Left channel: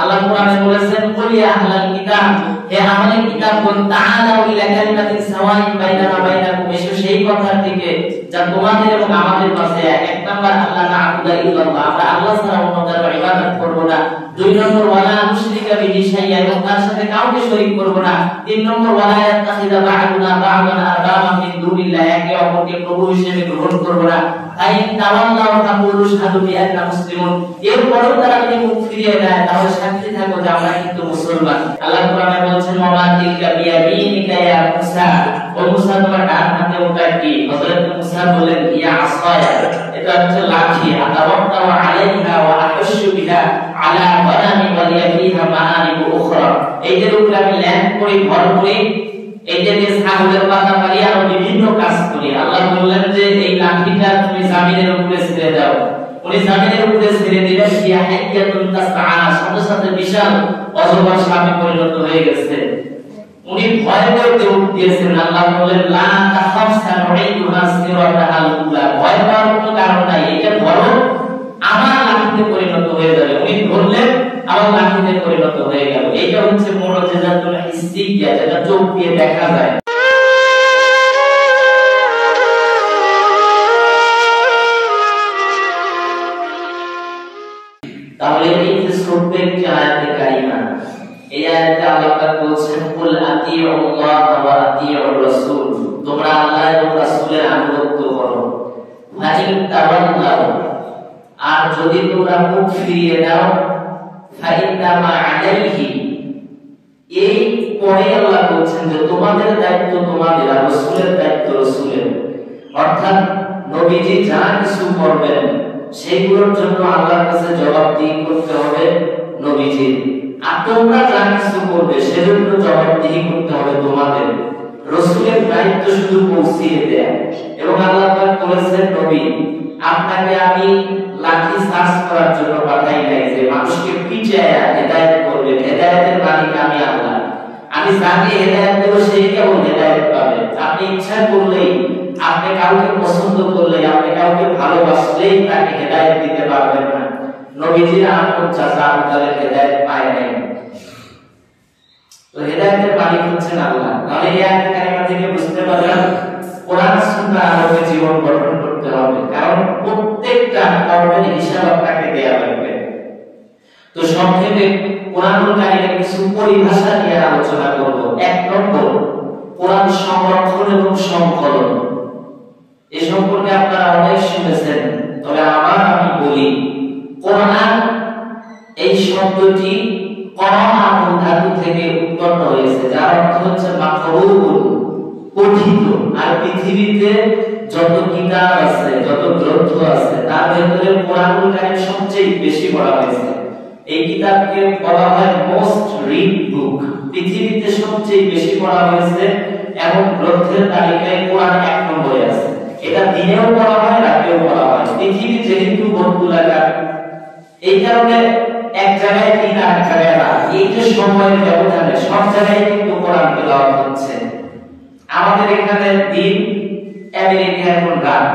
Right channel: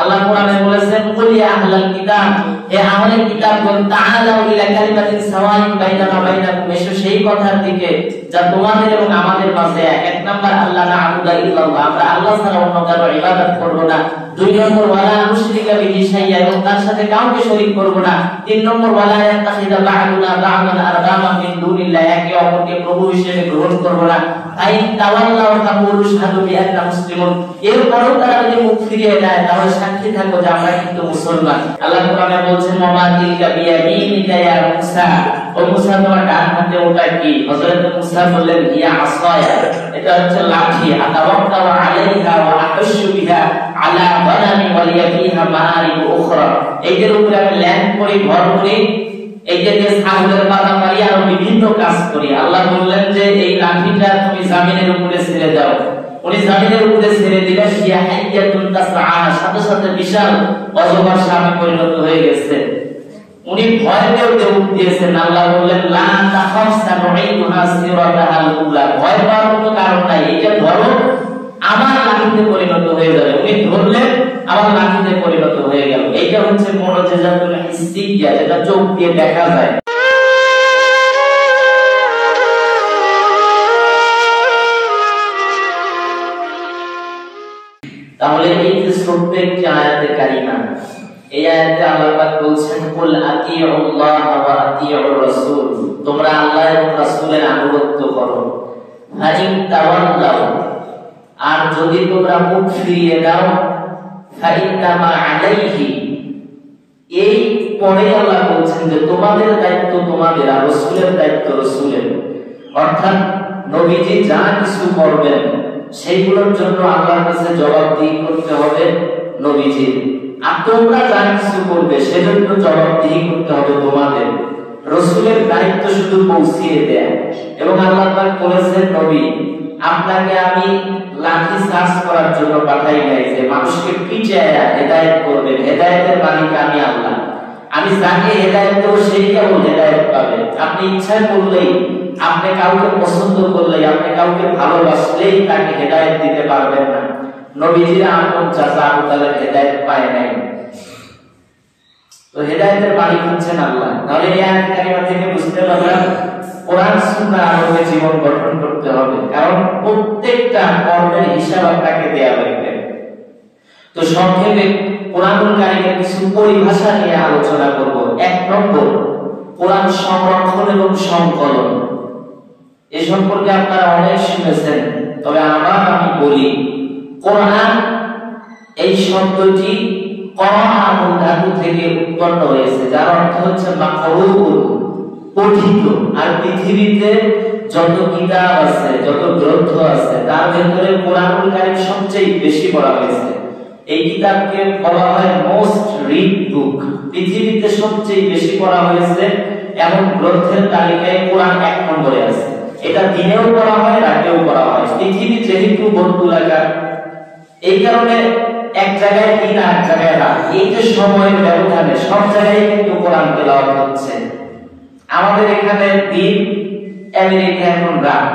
আল্লাহ কোরআনে বলেছেন কুল ইয়া আহলাল কিতাব, হে আহলে কিতাবগণ, তাআলাউ ইলা কালিমাতিন সাওয়াইন বাইনানা বাইনাকুম, এসো সেই কথার দিকে যা তোমাদের এবং আমাদের মাঝে এক নাম্বার আল্লাহ না'বুদা ইল্লাল্লাহ, আমরা আল্লাহ ছাড়া অন্য কারো ইবাদত করব না। দুই নম্বর ওয়ালা নুশরিকা বিহি শাইআ, এবং তার সাথে কাউকে শরীক করব না। তিন নম্বর ওয়ালা ইয়াত্তাখিযা বা'দুনা বা'দান আরবাবা মিন দুনিল্লাহ, একে অপরকে প্রভু হিসেবে গ্রহণ করব না। ফাইন তাওয়াল্লাউ ফাকুলু শাহাদু বিআন্না মুসলিমুন, এরপরেও তারা যদি মুখ ফিরিয়ে দেয় তাহলে সাক্ষী থাকো যে আমরা কিন্তু মুসলমান। আল্লাহ কোরআনে বলছেন ওয়া তিলকা বিয়ামিনিকা ইয়া মুসা, ও মুসা তোমার ডান হাতে ওটা কি? হযরত মুসা বলেন ইয়া আসায়া, এটা হচ্ছে লাঠি। আতাওয়াক্কালু আলাইহা ওয়া আকাশু বিহা আলা বানানি ওয়া লিয়া ফিহা মাআরিবু উখরা, এইটার উপরে আমি ল্যান্ড করি, ঘর করি, এইটা দিয়ে ছাগলের পাতা মারি, আরো বিভিন্ন কাজ করি। আল্লাহ বললেন যে এই লাঠিটা তুমি জমিনের উপরে ছেড়ে দাও। উনি জমিনের উপরে ছেড়ে দিলেন, ইয়া হাইয়াতুন তাসআ, সাথে সাথে বিশাল অজগর সাপে পরিণত হয়ে গেছে। উনি ভয় করতে উঠেছেন। আল্লাহ বললেন লা তাখাফ সানুইদুহা সিরাতাল উলা, ভয় পাওয়ার কোনো কারণ নাই, এটা ধরো আমার লাঠিতে পরিণত হয়ে যাবে। উনি ধরলেন, আমার লাঠিতে পরিণত হয়ে গেল। এইটা হচ্ছে মুআজিজাতুল হিসিয়া, যেটা চোখ দিয়ে দেখা যায়। তাহলে এই যে ছোট্ট একটি আয়াতে কারিমা, এই আয়াতে আল্লাহ পাক বলছেন কুল আতিউল্লাহ ওয়া আতিউর রাসূল, তোমরা আল্লাহ এবং রাসূলের আনুগত্য করো। ফাইন তাওয়াল্লাউ, আর যদি তোমরা মুখ ফিরিয়ে দাও, ফাইন্নামা আলাইহি, এই পরে আল্লাহ বলছেন যে তোমাদের দায়িত্ব তোমাদের, আর রাসূলের দায়িত্ব রাসূলের। অর্থাৎ নবীজি যা কিছু করবেন সেইগুলোর জন্য আল্লাহর কাছে জবাবদিহি করতে হবে নবীজির, আর তোমরা যা কিছু করবে সেজন্য জবাবদিহি করতে হবে তোমাদের। রাসূলের দায়িত্ব শুধু পৌঁছিয়ে দেয়া। এবং আল্লাহ পাক বলেছেন নবী, আপনাকে আমি লাঠি চার্জ করার জন্য পাঠাই নাই যে মানুষকে পিটায়া হেদায়েত করবে। হেদায়েতের মালিক আমি আল্লাহ, আমি যাকে হেদায়েত দেব সেই কেবল হেদায়েত পাবে। আপনি ইচ্ছা করলেই, আপনি কাউকে পছন্দ করলেই, আপনি কাউকে ভালোবাসলেই তাকে হেদায়েত দিতে পারবেন না। নবীজির আপন চাচা আবু তালেব হেদায়েত পায় নাই, তো হেদায়েতের মালিক হচ্ছেন আল্লাহ। তাহলে এই আয়াত কারিমা থেকে বুঝতে পারলাম কোরআন সুন্নাহ আলোকে জীবন গঠন করতে হবে, কারণ প্রত্যেকটা কর্মের হিসাব আপনাকে দেয়া লাগবে। তো সংক্ষেপে কোরআনুল কারীমের কিছু পরিভাষা নিয়ে আলোচনা করব। এক নম্বর, কোরআন সংরক্ষণ এবং সংকলন। এই সম্পর্কে আপনারা অনেক শুনেছেন, তবে আমি বলি, কোরআন এই শব্দটি কোরআন ধাতু থেকে উৎপন্ন হয়েছে, যার অর্থ হচ্ছে মাকরুউন, পঠিত। আর পৃথিবীতে যত কিতাব আছে, যত গ্রন্থ আছে, তার ভেতরে কোরআনুল কারীম সবচেয়ে বেশি পড়া হয়েছে। এই কিতাবকে বলা হয় মোস্ট রিড বুক। পৃথিবীতে সবচেয়ে বেশি পড়া হয়েছে এমন গ্রন্থের তালিকায় কোরআন এক নম্বরে আছে। এটা দিনেও পড়া হয়, রাতেও পড়া হয়। পৃথিবী যেহেতু বর্তুলাকার, এই কারণে এক জায়গায় দিন আর এক জায়গায় রাত, এই যে সময়ের ব্যবধানে সব জায়গায় কিন্তু কোরআন তেলাওয়াত হচ্ছে। আমাদের এখানে দিন, আমেরিকা এখন রাত,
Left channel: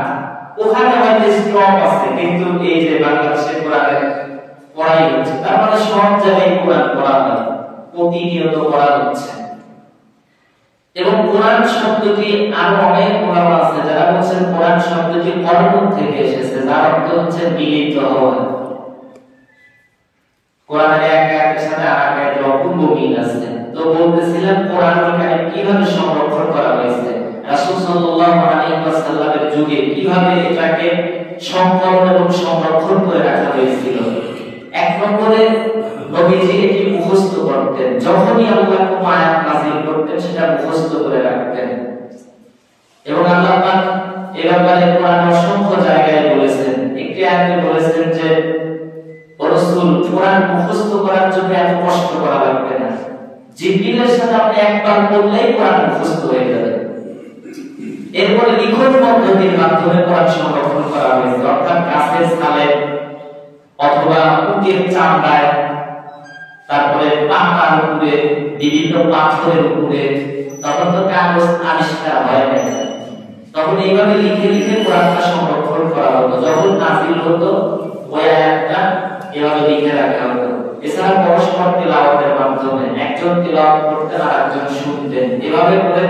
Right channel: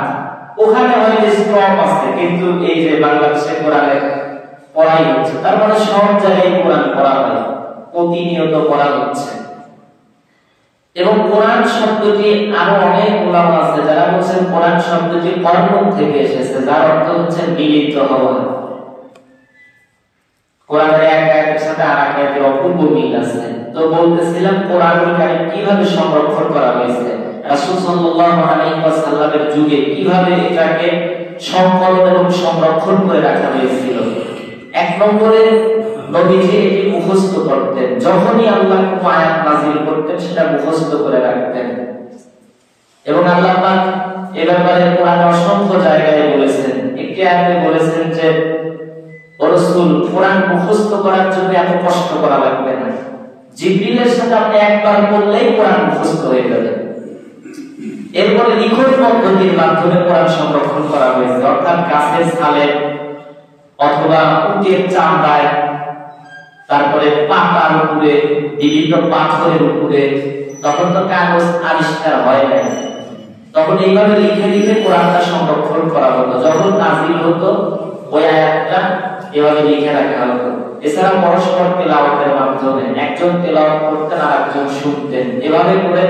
ওখানে হয়তো স্টপ আছে, কিন্তু এই যে বাংলাদেশে কোরআনের পড়াই হচ্ছে, তার মানে সব জায়গায় কোরআন পড়া হয়, প্রতিনিয়ত পড়া হচ্ছে। এবং কোরআন শব্দটি আরো অনেক ওলামা আছে যারা বলছেন কোরআন শব্দটি কর্ম থেকে এসেছে, যার অর্থ হচ্ছে মিলিত হওয়া। কোরআনের এক আয়াতের সাথে আরেক আয়াতের অপূর্ব মিল আছে। তো বলতেছিলাম কোরআনুল কারীম কিভাবে সংরক্ষণ করা হয়েছে, রাসূল সাল্লাল্লাহু আলাইহি ওয়াসাল্লামের যুগে কিভাবে এটাকে সংকলন এবং সংরক্ষণ করে রাখা হয়েছিল। এক নম্বরে নবীজি এটি মুখস্থ করতেন, যখনই আল্লাহ কোনো আয়াত নাযিল করতেন সেটা মুখস্থ করে রাখতেন। এবং আল্লাহ পাক এ ব্যাপারে কোরআন অসংখ্য জায়গায় বলেছেন। একটি আয়াতে বলেছেন যে রাসূল কোরআন মুখস্থ করার জন্য এত কষ্ট করা লাগবে না, জিবরিলের সাথে আপনি একবার বললেই কোরআন মুখস্থ হয়ে যাবে। এরপরে লিখন পদ্ধতির মাধ্যমে কোরআন সংরক্ষণ করা হয়েছে, অর্থাৎ গাছের ছালে অথবা উটের চামড়ায়, তারপরে পাতার উপরে, বিভিন্ন পাথরের উপরে। তখন তো কাগজ আবিষ্কার হয় নাই, তখন এইভাবে লিখে লিখে কোরআনটা সংরক্ষণ করা হতো। যখন নাযিল হতো ওই আয়াতটা এভাবে লিখে রাখা হতো। এছাড়া পরস্পর তেলাওয়াতের মাধ্যমে একজন তেলাওয়াত করতেন আর একজন শুনতেন, এভাবে করে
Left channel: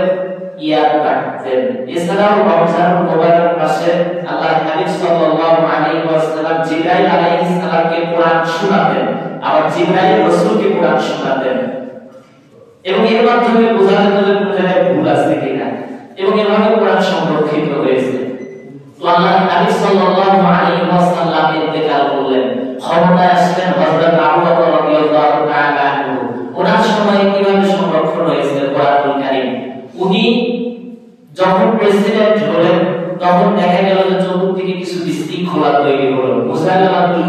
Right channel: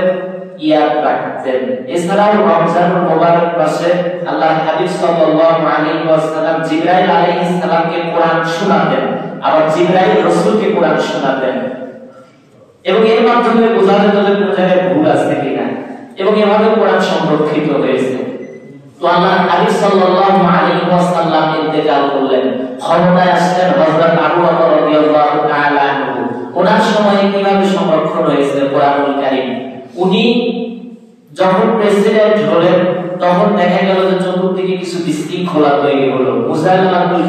ইয়াদ রাখতেন। এছাড়াও রমজানুল মুবারক মাসে আল্লাহর হাবিব সাল্লাল্লাহু আলাইহি ওয়াসাল্লাম জিবরাইল আলাইহিস সালামকে কোরআন শোনাতেন, আবার জিবরাইল রাসূলকে কোরআন শোনাতেন, এবং এর মাধ্যমে বোঝা যেত যে কোন জায়গায় ভুল আছে কিনা, এবং এভাবে কোরআন সংরক্ষিত হয়েছে। তো আল্লাহর হাবিব সাল্লাল্লাহু আলাইহি ওয়াসাল্লাম ইন্তেকাল করলেন, ক্ষমতায় আসলেন হযরত আবু বকর রাদিয়াল্লাহু তাআলা আনহু। ওনার সময়ে কিভাবে সংরক্ষণ হয়েছে কোরআনুল কারীম? উনি যখন প্রেসিডেন্ট হলেন তখন দেখা গেল যে চতুর্দিকে কিছু বিশৃঙ্খলা তৈরি হলো। মুসাইলামাতুল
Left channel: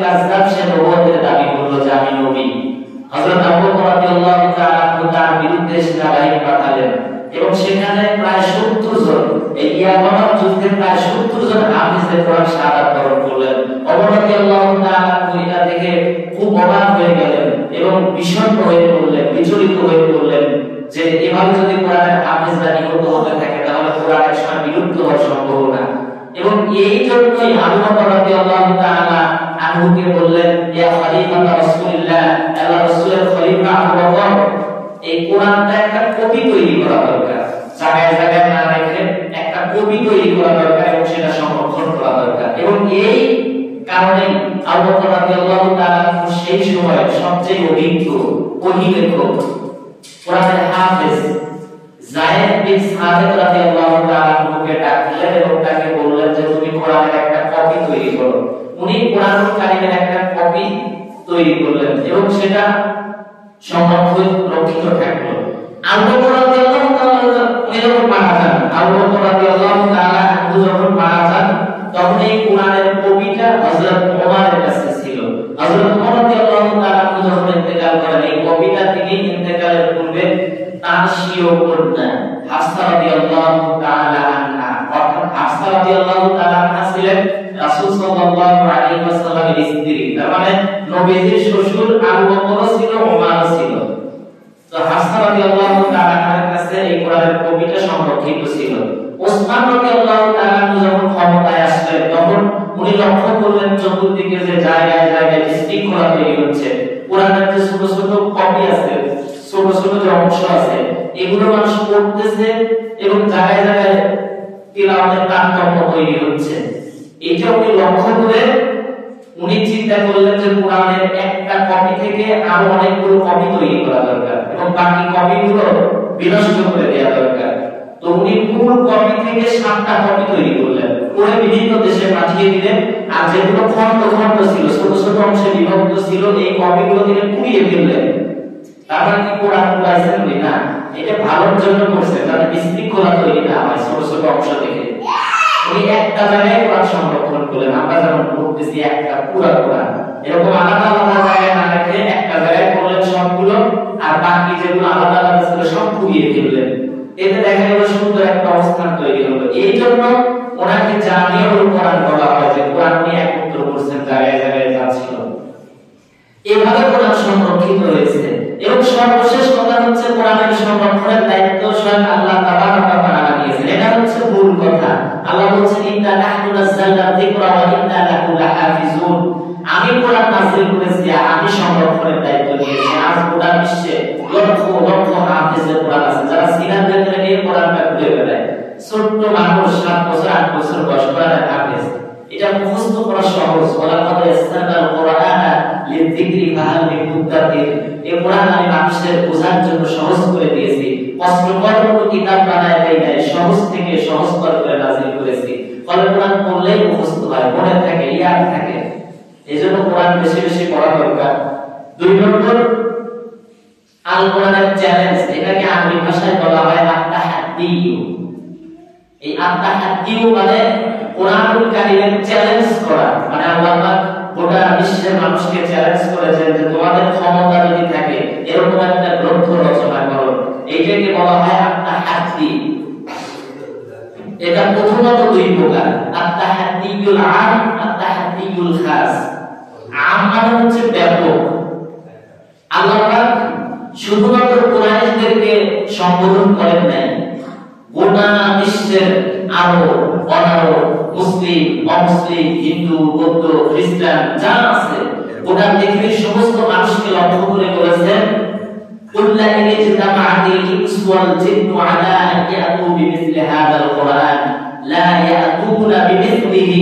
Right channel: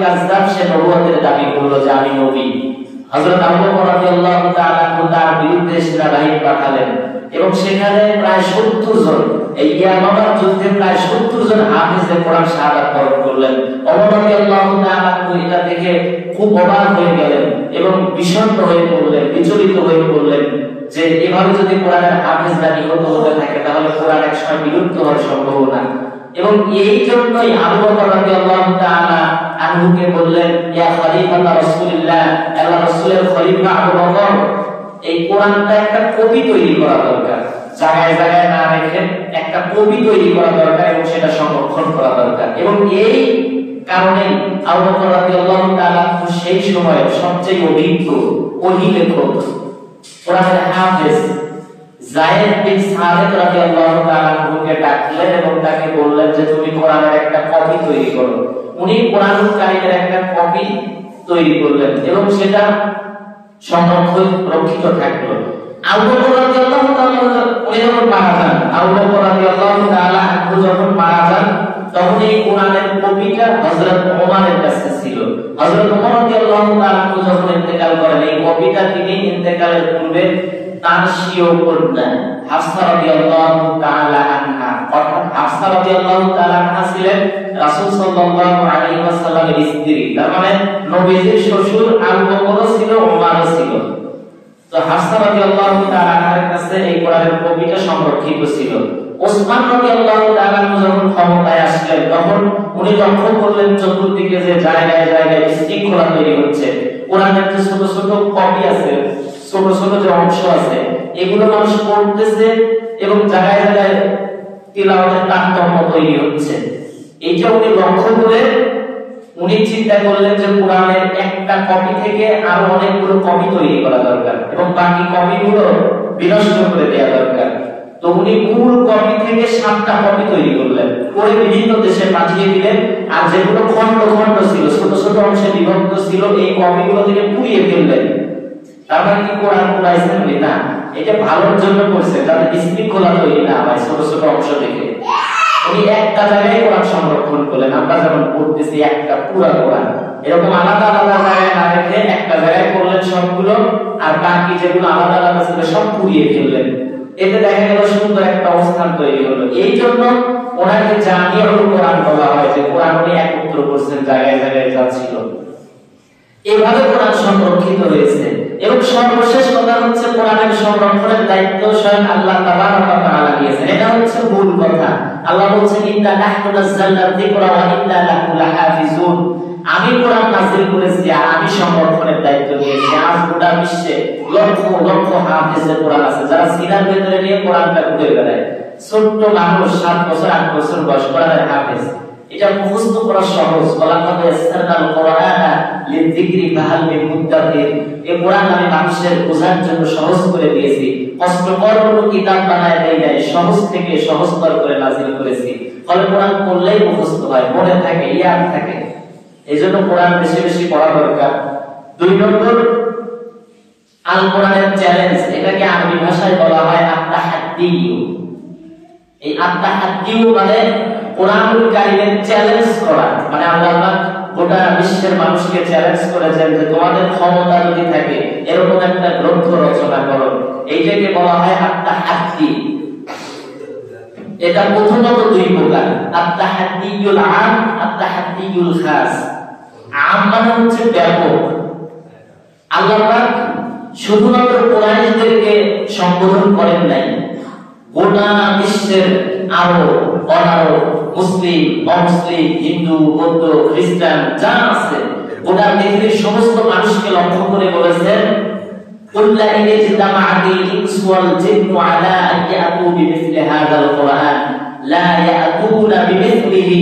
কাযযাব সে নবুয়তের দাবি করলো যে আমি নবী। হযরত আবু বকর রাদিয়াল্লাহু তাআলা তার বিরুদ্ধে সেনাবাহিনী পাঠালেন, এবং সেখানে প্রায় 70 জন, এই ইয়ামামার যুদ্ধে প্রায় 70 জন হাফেজে কোরআন শাহাদাত বরণ করলেন। ওমর রাদিয়াল্লাহু তাআলা এটা দেখে খুব অবাক হয়ে গেলেন এবং বিষণ্ণ হয়ে পড়লেন, বিচলিত হয়ে পড়লেন যে এভাবে যদি কোরআনের হাফেজরা নিহত হতে থাকে তাহলে কোরআন একসময় বিলুপ্ত হওয়ার সম্ভাবনা। এবং এই জন্যই আবু বকর রাদিয়াল্লাহু তাআলা আনহুকে বললেন, ইয়া খলিফাতা রাসূলুল্লাহ, আল্লাহর রাসূলের খলিফা আবু বকর, এই কোরআনটা একটা কপি তৈরি করা দরকার, জায়গায় জায়গায় না রেখে একটা কপি তৈরি করা দরকার এবং সেটা সংরক্ষণ করা দরকার। এবং এই কারণে আবু বকর রাদিয়াল্লাহু তাআলা সেই সময়ের সবচেয়ে অভিজ্ঞ ওহী লেখক কোরআনের হাফেজ যায়েদ বিন সাবিত রাদিয়াল্লাহু তাআলাকে ডাকলেন এবং তাকে বললেন যে তুমি কোরআনের একটা কপি তৈরি করো। উনি কোরআনুল কারীমের একটা কপি তৈরি করলেন এবং সেটা সংরক্ষিত থাকলো। আবু বকর রাদিয়াল্লাহু তাআলা উনি যখন মারা যান, আবু বকর রাদিয়াল্লাহু তাআলা যখন মারা যান তখন এই কোরআনের কপিটা হযরত ওমরের কাছে ছিল। হযরত ওমর রাদিয়াল্লাহু তাআলা যখন ইন্তেকাল করেন, এই কপিটা তিনি ইন্তেকালের পূর্বে তার স্বীয় কন্যা হাফসা রাদিয়াল্লাহু তাআলা আনহা, অর্থাৎ হাফসা রাদিয়াল্লাহু তাআলা আনহা ছিলেন রাসূল সাল্লাল্লাহু আলাইহি ওয়াসাল্লামের স্ত্রী, তার মানে নবীজির শ্বশুর আবু বকরও ছিল, ওমরও ছিল। তো হাফসা রাদিয়াল্লাহু তাআলা আনহার কাছে এই কোরআনের কপিটা সংরক্ষিত ছিল। ওসমান রাদিয়াল্লাহু তাআলা যখন ক্ষমতায় আসলেন তখন উনি লক্ষ্য করলেন চতুর্দিকে যে জায়গায় জায়গায় বিশৃঙ্খলা তৈরি হচ্ছে, কোরআনের যে ছোট ছোট কপি আছে, ছোট ছোট যে অংশ আছে, এগুলো মানুষ পড়তেছে এবং জায়গায় জায়গায় তিলাওয়াতের তারতম্য তৈরি হচ্ছে। এইটা উনি লক্ষ্য করে উনি চিন্তা করলেন যে কোরআনের একটা কপি থেকে আরো অনেকগুলো কপি তৈরি করা দরকার এবং বাকি কপিগুলো বিনষ্ট করে দেওয়া দরকার। তো উনি মূল কপি থেকে 7টা কপি তৈরি করলেন, করে বিভিন্ন দেশে পাঠিয়ে দিলেন। আর যেগুলো খন্ড খন্ড ছিল, ছোট ছোট অংশে বিভক্ত ছিল, এই কপিগুলো তিনি পুড়িয়ে ফেললেন। তারপরে কি কোরআন পুরাইছেন না, এটা ভালোর জন্য করছে, যাতে বিশৃঙ্খলা তৈরি না হয় ছোট ছোট অংশ থেকে। উনি একটা জায়গায় কোরআন সংরক্ষণ করলেন, আমরা যেমন পড়তেছি একটা পুরা কোরআন, এরকম আলাদা আলাদা জায়গায় না রেখে একটা জায়গায় করলেন সবগুলো, আর বাকি যেগুলো আলাদা আলাদা ছিল সব পুড়িয়ে ফেললেন। এতে দেখা গেল সুন্দর একটা অবস্থান তৈরি হলো। এই জন্য ওনাকে জামিউল কোরআন বলা হয়, যে কোরআন উনি একত্র করছেন জায়গায় জায়গায় যা ছিল। এভাবে কোরআন সংরক্ষিত হয়েছে। এবং সর্বশেষ কথা হচ্ছে কোরআনের সংরক্ষণের দায়িত্ব স্বয়ং আল্লাহ তাবারাক ওয়া তাআলা নিয়েছেন। এটা হচ্ছে মূল কথা। আল্লাহ বলেছেন, ইন্না নাহনু নাযালনা যিকরা ওয়া ইন্না লাহু লাহাফিজুন। আমি কোরআন নাযিল করেছি আর আমি সংরক্ষণের দায়িত্ব নিয়েছি। আজ গোটা বিশ্বে লক্ষ লক্ষ হাফেজের কোরআন আছে, যারা সিনার ভেতরে নিয়ে কোরআনটা পড়ে বেড়ায়। ছোট্ট মানুষ 7 বছর 8 বছর বয়স কোরআনের হাফেজ, এটা মুখস্থ করা সহজ। ওয়ালাকাদ ইয়াসসারনাল কুরআনা লিযিকরি ফাহাল মিন মুদ্দাকির। এই কোরআন আমি মানুষের বোঝার জন্য সহজ করে দিয়েছি, কষ্টকর কোনো কিতাব বানায় দেই নাই, সহজ থেকে সহজতর করে নাযিল করেছি। ফলে কোরআন পড়লেই মুখস্থ হয়, মনে থাকে, ইয়াদ থাকে। এজন্য কোরআন বেশি বেশি পড়া দরকার। 2 নম্বর, আল কোরআনের চ্যালেঞ্জ, এটাকে আরবি ভাষায় বলা হয় আত-তাহাদ্দিউ। এই আত-তাহাদ্দিউ মানে কোরআনুল কারীমের চ্যালেঞ্জ করা, মানে আল্লাহ গোটা বিশ্বের মানুষকে চ্যালেঞ্জ করেছেন যে তোমাদের ক্ষমতা যদি থাকে এরকম একটা গ্রন্থ রচনা করো। এইটাকে বলা হয় আত-তাহাদ্দি। এটা প্রথমত 2 প্রকার, আত-তাহাদ্দিউল আম, আত-তাহাদ্দিউল খাস। আম মানে হচ্ছে ব্যাপক। আল্লাহ পাক শুধুমাত্র কোরআনীদেরকে সম্বোধন করেন নাই, গোটা বিশ্বের আরব অনারব মুসলিম, অমুসলিম, হিন্দু, বৌদ্ধ, খ্রিস্টান যা আছে গোটা পৃথিবীর সমস্ত মানুষকে লক্ষ্য করে বলেছেন قل إن اجتمعت الإنس والجن على أن يأتوا بمثل هذا القرآن لا يأتون بمثله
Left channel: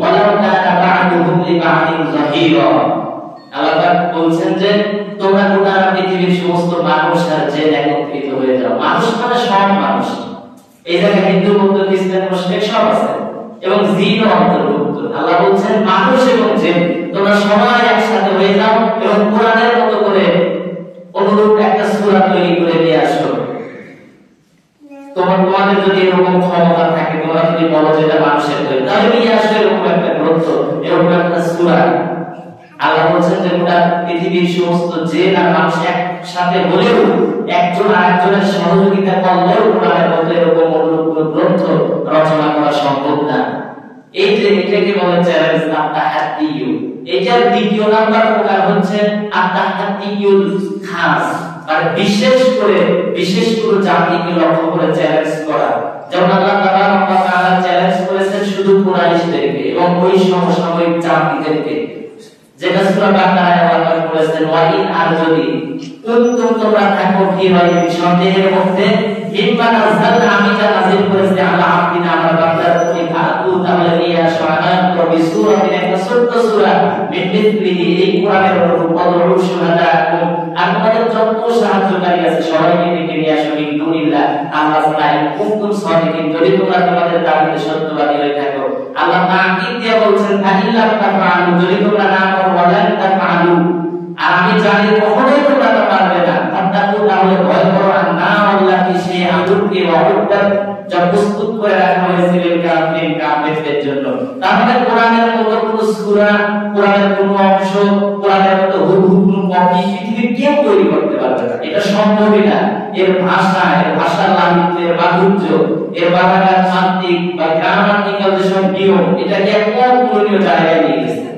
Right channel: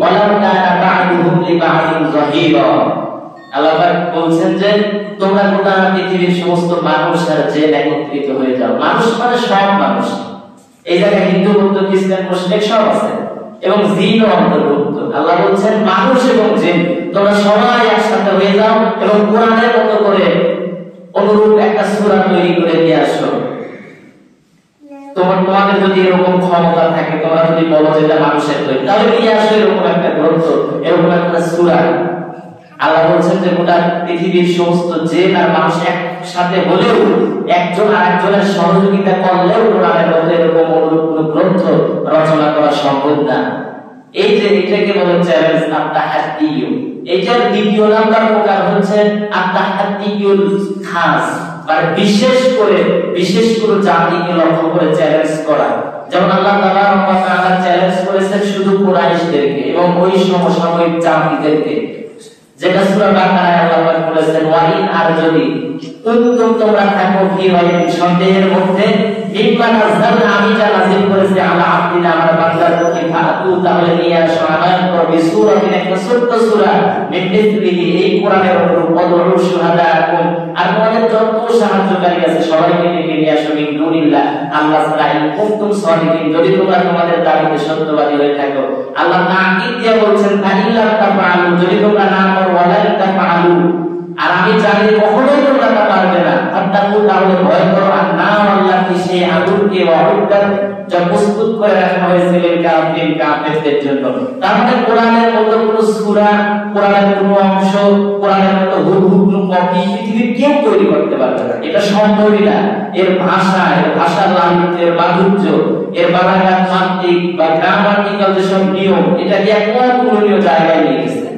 ولو كان بعضهم لبعض ظهيرا। আল্লাহ পাক বলছেন যে তোমরা গোটা পৃথিবীর সমস্ত মানুষ আর জিন একত্রিত হয়ে যাও। মানুষ মানে সব মানুষ, এই জায়গায় হিন্দু, বৌদ্ধ, খ্রিস্টান, মুসলিম সব আছে এবং জিনও অন্তর্ভুক্ত। আল্লাহ বলছেন মানুষ এবং জিন তোমরা সবাই একসাথে হয়ে যাও এবং কোরআনের মতো করে অনুরূপ একটা সূরা তৈরি করে নিয়ে আসো। তোমাদের যদি এরকম ক্ষমতা থাকে, তোমরা যদি বলো যে এটা মানুষের তৈরি, তাহলে নিয়ে আসো এরকম একটা গ্রন্থ, এরকম একটা সূরা। আল্লাহ বলছেন যে গোটা পৃথিবীর সমস্ত জিন আর মানুষ একসাথে হলেও একজন আরেকজনের সহযোগিতা করলেও কোরআনের মতো এরকম অনুরূপ কোনো গ্রন্থ রচনা করা সম্ভব না। এই যে এটাকে বলে চ্যালেঞ্জ আত-তাহাদ্দিয়ু। এটার দ্বিতীয় নাম্বার প্রকার হচ্ছে আত-তাহাদ্দিয়ুল খাস, মানে বিশেষ করে জাতিকে লক্ষ্য করে চ্যালেঞ্জ করা। যেমন আল্লাহ তাআলা চ্যালেঞ্জ করেছেন শুধু কুরাইশদেরকে এবং ওই সমসাময়িক জাতিদেরকে, যেটা সূরা বাকারায় আল্লাহ বলেছেন ওয়াইন আর যদি তোমরা থাকো কি হয় সন্দেহের মধ্যে মিম্মা নাযালনা আমি যা নাযিল করেছি আলা আব্দিনা আমার বান্দার উপরে ফাতু, তাহলে নিয়ে আসো আমার কবি সূরাতিন একটা ছোট্ট সূরা মিথলিহি, এই কোরআনের অনুরূপ অদরু শুহাদাকুম, আর তোমাদের যত সাহায্যকারী আছে সবাইকে ডেকে নিয়ে আসো মিন দুনিল্লাহ আল্লাহ ছাড়া, ইন কুনতুম সাদিকিন যদি তোমরা তোমাদের দাবিতে সত্যবাদী হয়ে থাকো। আল্লাহ তাকিদ দিয়ে বলছেন ফাইল্লাম তাফআলু, যদি তোমরা না করো ওয়ালান তাফআলু, আর আমি জানি কখনোই তোমরা তা পারবে না। ফাত্তাকু, তাহলে ভয় করো না আল্লাহকে, সে আগুনকে ওয়াউদ্দাত যা প্রস্তুত করে রাখা হয়েছিল কাফেরদের জন্য। তার মানে কোরআনের মতো কোনো সূরা, কোরআনের কোনো অংশ, কোরআনের মতো হুবহু কোনো কপি পৃথিবীর কেউ তৈরি করতে পারবে না, এটা সম্ভবই না। এর ভাষা, এর ভাষার লালিত্যের মাধুর্য, এর বানানের তাত্ত্বিক বা গ্রামাটিক্যাল যেসব নিয়ম, এটাকে এক অতুলনীয় জায়গায় নিয়ে গেছে।